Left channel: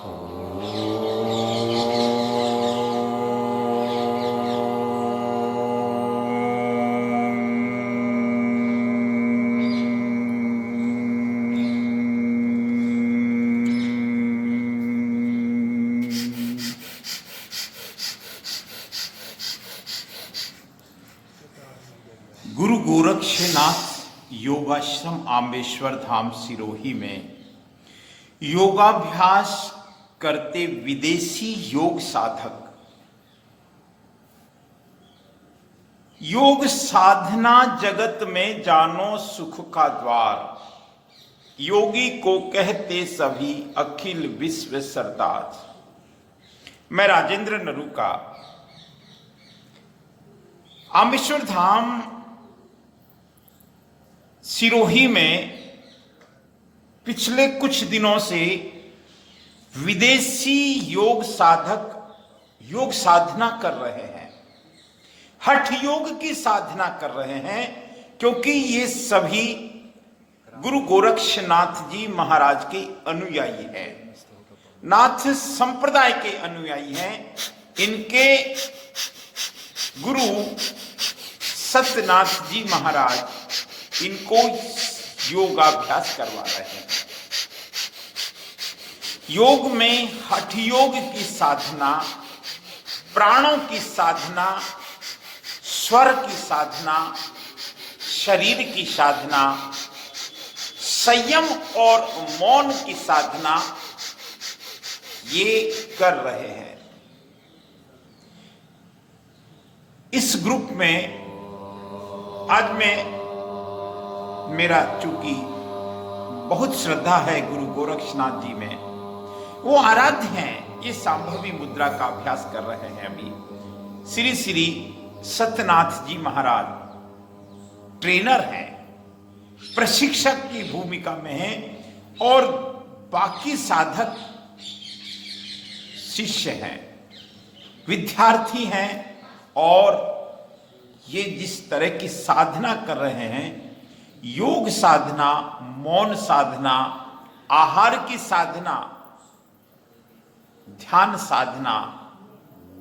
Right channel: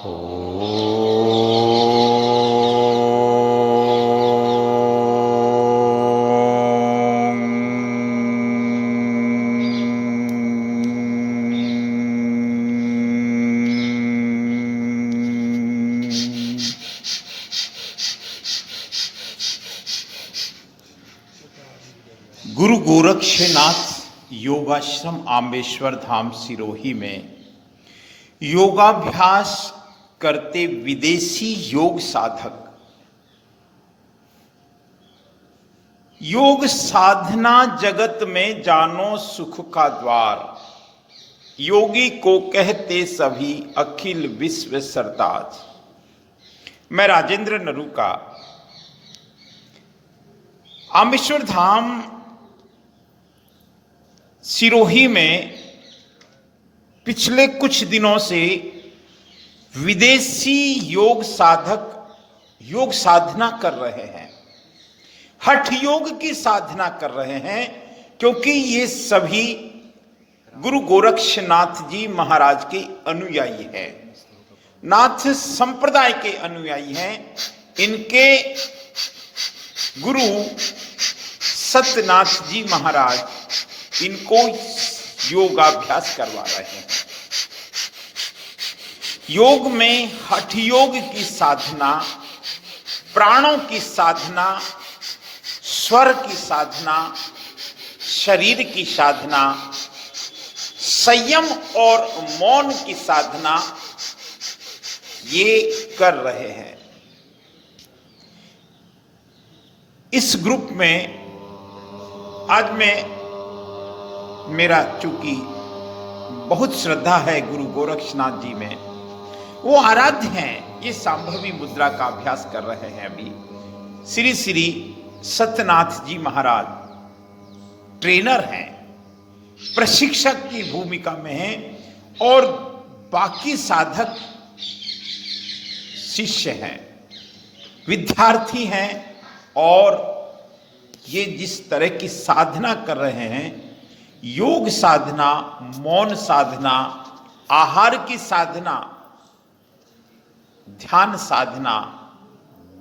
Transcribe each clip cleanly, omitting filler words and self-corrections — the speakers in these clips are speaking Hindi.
गुरु गोरक्षनाथ योगाश्रम आम्बेश्वर धाम सिरोही में योगाभ्यास करते विदेशी योग साधक योग साधना जगत में जानो सुख का द्वार, योगी को कहते सभी अखिल विश्व सरताज। मैं राजेंद्र नरूका आम्बेश्वर धाम सिरोही में पिछले कुछ दिनों से विदेशी योग साधक योग साधना कर रहे हैं, हठ योग की साधना कर रहे हैं, क्योंकि ये सभी गुरु गोरक्षनाथ जी महाराज के अनुयायी हैं, नाथ संप्रदाय के अनुयायी हैं। इनके गुरु सत्यनाथ जी महाराज इनको योगाभ्यास करवा रहे हैं। योग में हठ योग की साधना, प्राणों की साधना, स्वर की साधना, शरीर की साधना, संयम और मौन की साधना ये कर रहे हैं। इस ग्रुप में आज मेरा चूंकि बहुत श्रद्धा है गुरु गोरक्षनाथ जी में, वो आराध्य हैं। ये संभवी मुद्रा का अभ्यास कर रहे हैं। अभी श्री श्री सत्यनाथ जी महाराज ट्रेनर हैं, प्रशिक्षक की भूमिका में हैं, और बाकी साधक शिष्य हैं, विद्यार्थी हैं। और ये जिस तरह की साधना कर रहे हैं, योग साधना, मौन साधना, आहार की साधना, ध्यान साधना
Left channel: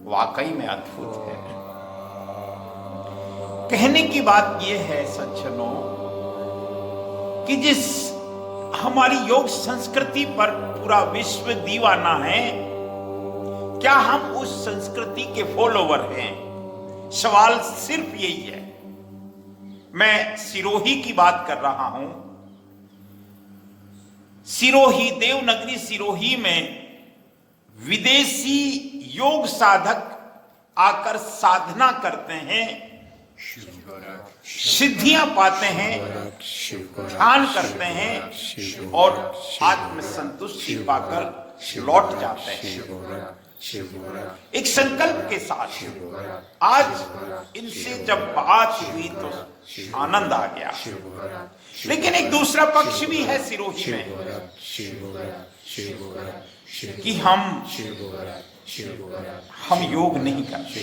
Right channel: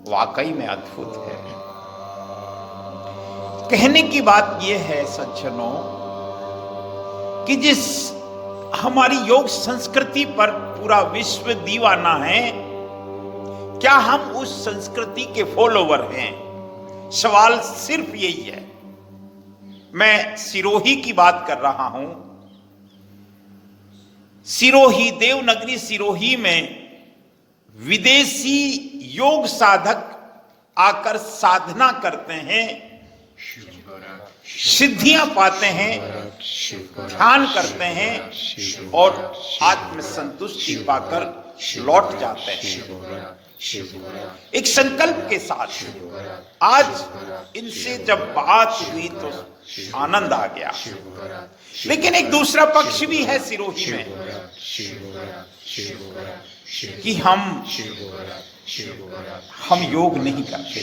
वाकई में अद्भुत है। कहने की बात यह है सज्जनों कि जिस हमारी योग संस्कृति पर पूरा विश्व दीवाना है, क्या हम उस संस्कृति के फॉलोवर हैं? सवाल सिर्फ यही है। मैं सिरोही की बात कर रहा हूं। सिरोही, देवनगरी सिरोही में विदेशी योग साधक आकर साधना करते हैं, सिद्धियां पाते हैं, ध्यान करते हैं और आत्मसंतुष्टि पाकर लौट जाते हैं एक संकल्प के साथ। आज इनसे जब बात हुई तो आनंद आ गया। लेकिन एक दूसरा पक्ष भी है सिरोही में कि हम योग नहीं करते,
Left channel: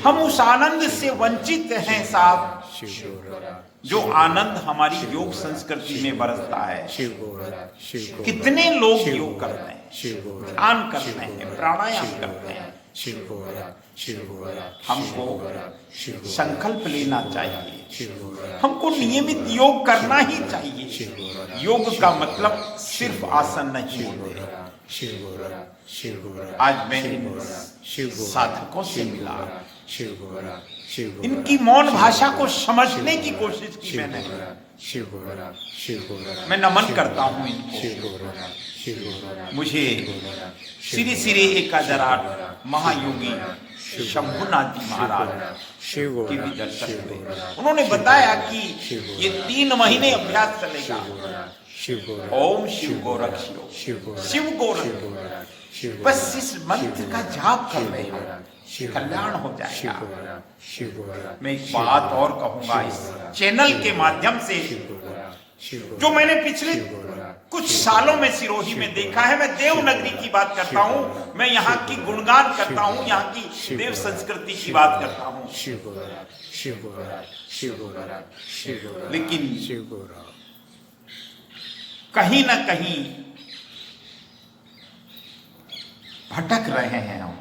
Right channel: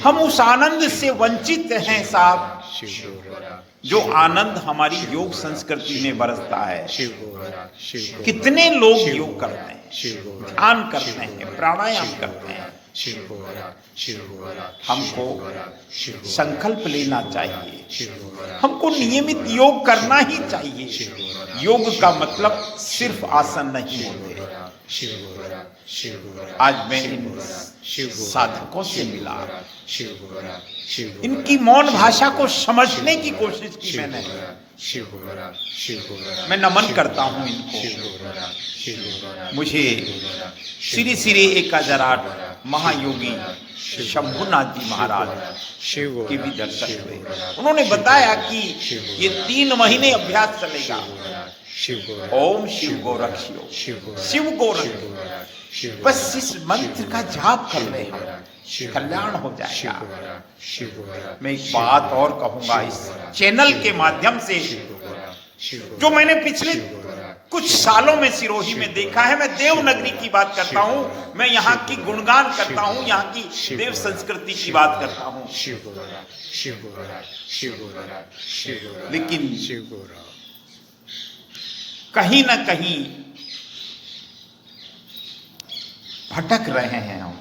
हम उस आनंद से वंचित हैं साहब, जो आनंद हमारी योग संस्कृति में बरसता है। कितने लोग योग करते हैं, ध्यान करते हैं, प्राणायाम करते हैं। हमको संकल्प लेना चाहिए, हमको नियमित योग करना ही चाहिए। योग का मतलब सिर्फ आसन नहीं होते। आज मैं साधकों से मिला, इनकी मौन भाषा को समझने की कोशिश की मैंने। मैं नमन करता हूं इनको। मुझे श्री श्री 1008 महायोगी शंभुनाथ जी महाराज के भी दर्शन हुए। उन्होंने बताया कि ये 3 महीने अभ्यास चलेगा। ओम शिव गोरक्षियो, शिव गोरक्ष, बस इस मंत्र का जाप कर लेना, कल्याण हो जाएगा। मैं एक बात और कहूंगा इस चैनल के माध्यम से, जो मैंने पिछले कुछ सालों में सिरोही में देखा है। मैं देवनगरी की बात करता हूँ, मैं यहाँ की गुणगान करता हूँ, यहाँ की देव संस्कृति की बात करता हूँ। लेकिन कहीं ना कहीं भटक रहे हैं हम।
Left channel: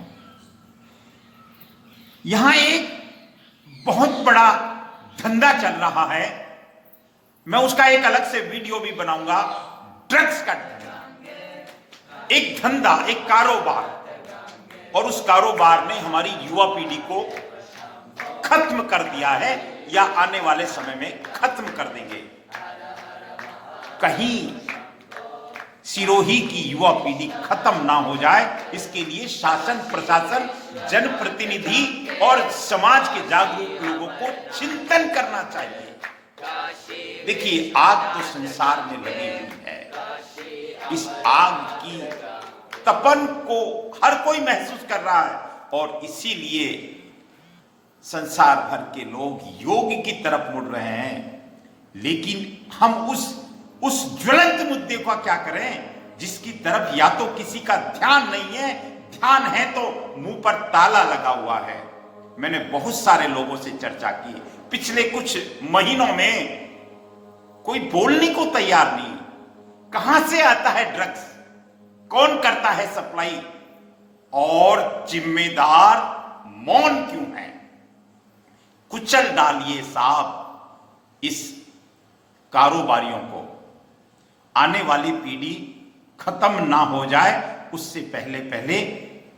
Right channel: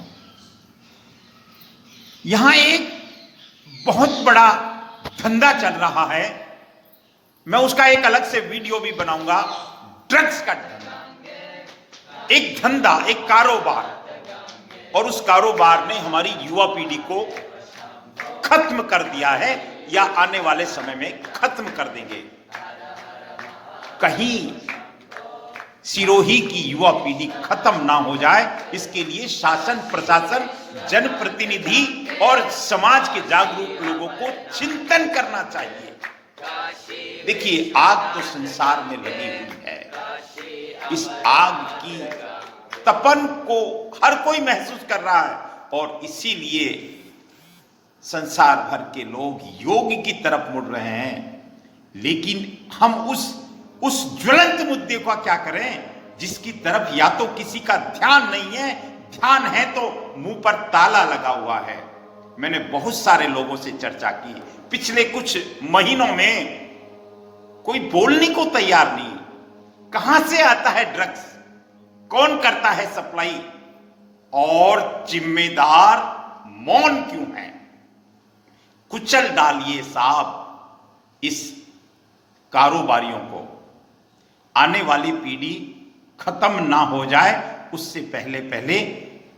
यहां एक बहुत बड़ा धंधा चल रहा है, मैं उसका एक अलग से वीडियो भी बनाऊंगा। ड्रग्स का धंधा, एक धंधा, एक कारोबार, और उस कारोबार ने हमारी युवा पीढ़ी को खत्म कर दिया है या आने वाले समय में खत्म कर देंगे। कहीं सिरोही की युवा पीढ़ी खत्म ना हो जाए, इसके लिए शासन, प्रशासन, जनप्रतिनिधि और समाज के जागरूक लोगों को चिंतन करना चाहिए। देखिए, आग तो संसार में लगी हुई है। इस आग की तपन को हर कोई महसूस कर रहा है, और इसीलिए संसार भर के लोग योग की तरफ मुड़ रहे हैं। लेकिन हम उस ज्वलंत मुद्दे का क्या करें जिसकी तरफ या तो किसी का ध्यान नहीं है, ध्यान है तो मुंह पर ताला लगा हुआ है। मैंने बहुत सारे लोगों से चर्चा की पिछले कुछ महीनों में, कोई बोलने को तैयार नहीं। कहां से आता है ड्रग्स, कौन करता है सप्लाई, और जिम्मेदार मौन क्यों है? कुचल डालिए साहब इस कारोबारियों को। आने वाली पीढ़ी खत्म ना हो जाए, उससे पहले पहले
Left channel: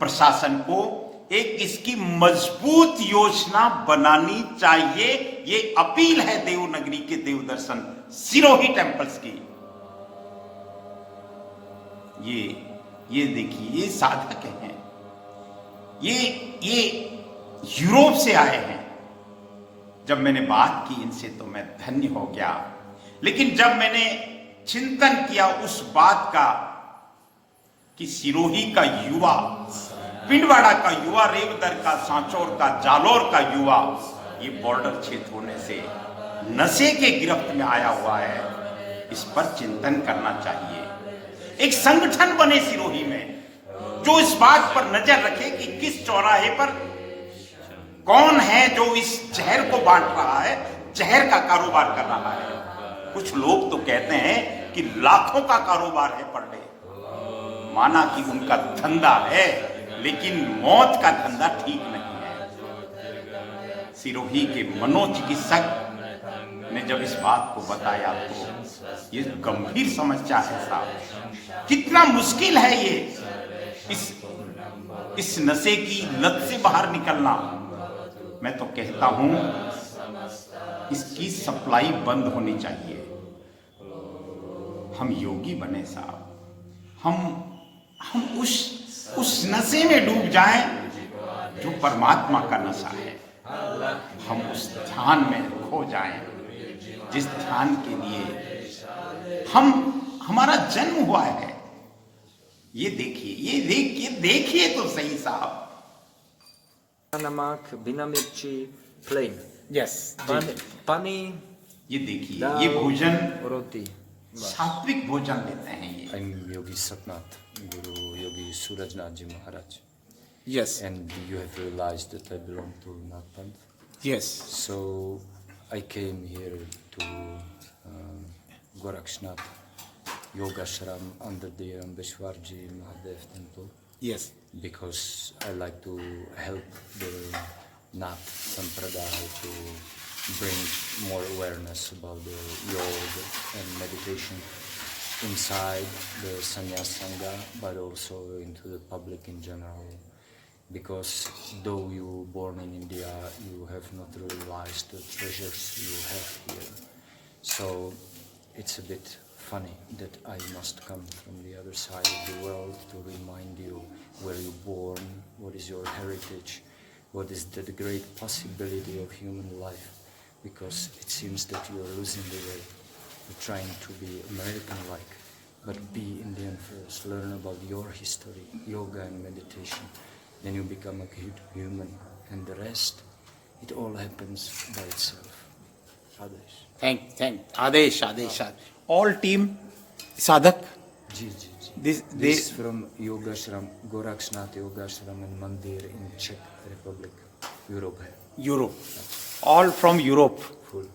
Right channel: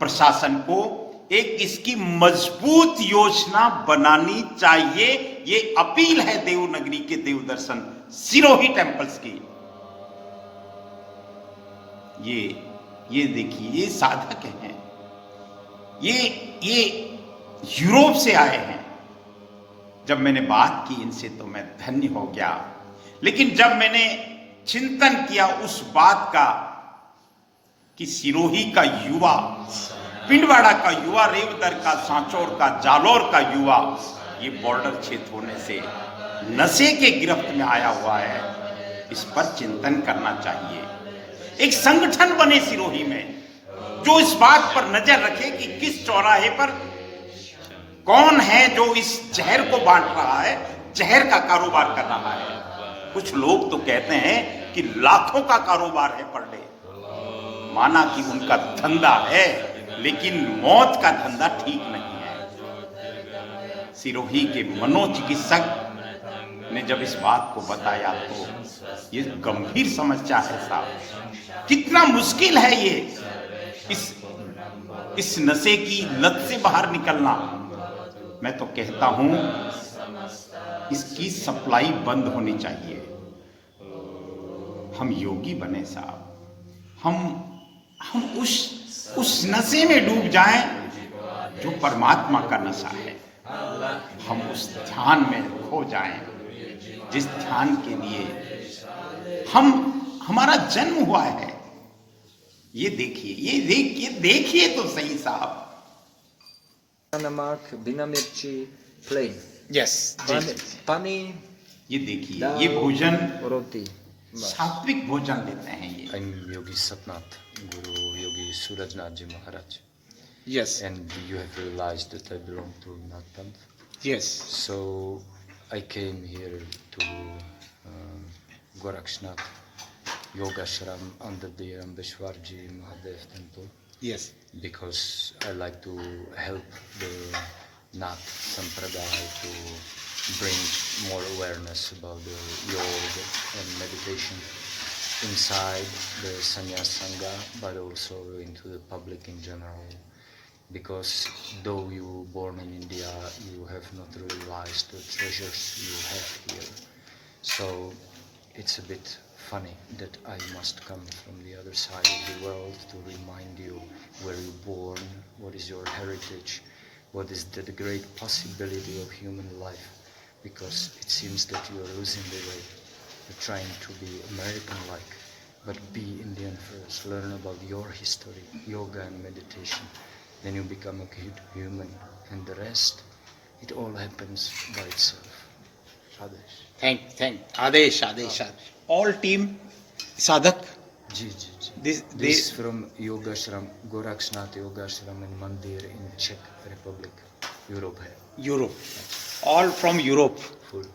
प्रशासन को एक इसकी मजबूत योजना बनानी चाहिए। ये अपील है देवनगरी के देवदर्शन सिरोही टेम्पल्स की। ये देखिए, ये साधक हैं, ये यूरोप से आए हैं। जब मैंने बात की इनसे तो मैं धन्य हो गया, लेकिन जब मैंने चिंतन किया उस बात का कि सिरोही का युवा, पिंडवाड़ा का युवा, रेवदर का, सांचौर का, जालौर का युवा ये बॉर्डर क्षेत्र होने से नशे के गिरफ्त में आया हुआ है, इस पर चिंतन करना चाहिए। एक संगठन बने सिरोही में जो इस बात पर नजर रखे कि किस चौराहे पर कौन है जो इस जहर को बांट रहा है, जहर का कारोबार कर रहा है। कुछ लोग तो कहते हैं कि लाखों का कारोबार है पर डे। माना कि उनका धंधा है, लेकिन मौत का धंधा ठीक नहीं है। सिरोही के मनोचिकित्सक ने जब इस बात को बताया तो ये गंभीर समस्या है साहब। कितना मुश्किल है ये इस नशे की लत से बाहर निकलना। मैं तो कहता हूं इसकी सप्लाई बंद होनी चाहिए। हम योगी बने साहब, हम उस नशे में डूब जाएं जो परमात्मा का नशा है। हम उस ध्यान में खो जाएं जिस ध्यान के लिए हमारा जन्म हुआ है। ये देखिए तो सही साहब। Namak, Binamirchi, plain. Yes. Pani, ये देखिए, ये भोजन roti. सात्विक भोजन लेते हैं ये। I'm Yogi Satnath, Guru Yogi Surajnath Ji Maharaj. Yes. And you have realized that I belong to Nath Panth. Yes. So I came here to Gorakshnath Yogashram under the Ambeshwarji Mahadev temple. Yes. Because I like to help the Nath Sampradaya to bring more awareness about the yoga and meditation inside the Sannyas Sangha, but also into the public in general. Because though you were born in India, you have not realized the treasures you have here. So it's a bit funny that I must come from the other side of the world to remind you where you were born, what is your heritage, what is the great possibility of human life, because it seems that you are losing the way. You're trying to be American-like, but be Indian first. Learn about your history, yoga and meditation. Then you become a good human, and the rest, it all happens by itself. Adesh. Thank. Adesh. All team sadhak. Ji. This From Yogashram, Gorakshnath Yogashram and Mandir in Czech Republic, Europe hai. Europe. All from Europe. Full.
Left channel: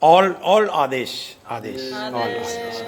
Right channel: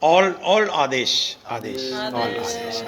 All Adesh. All Adesh.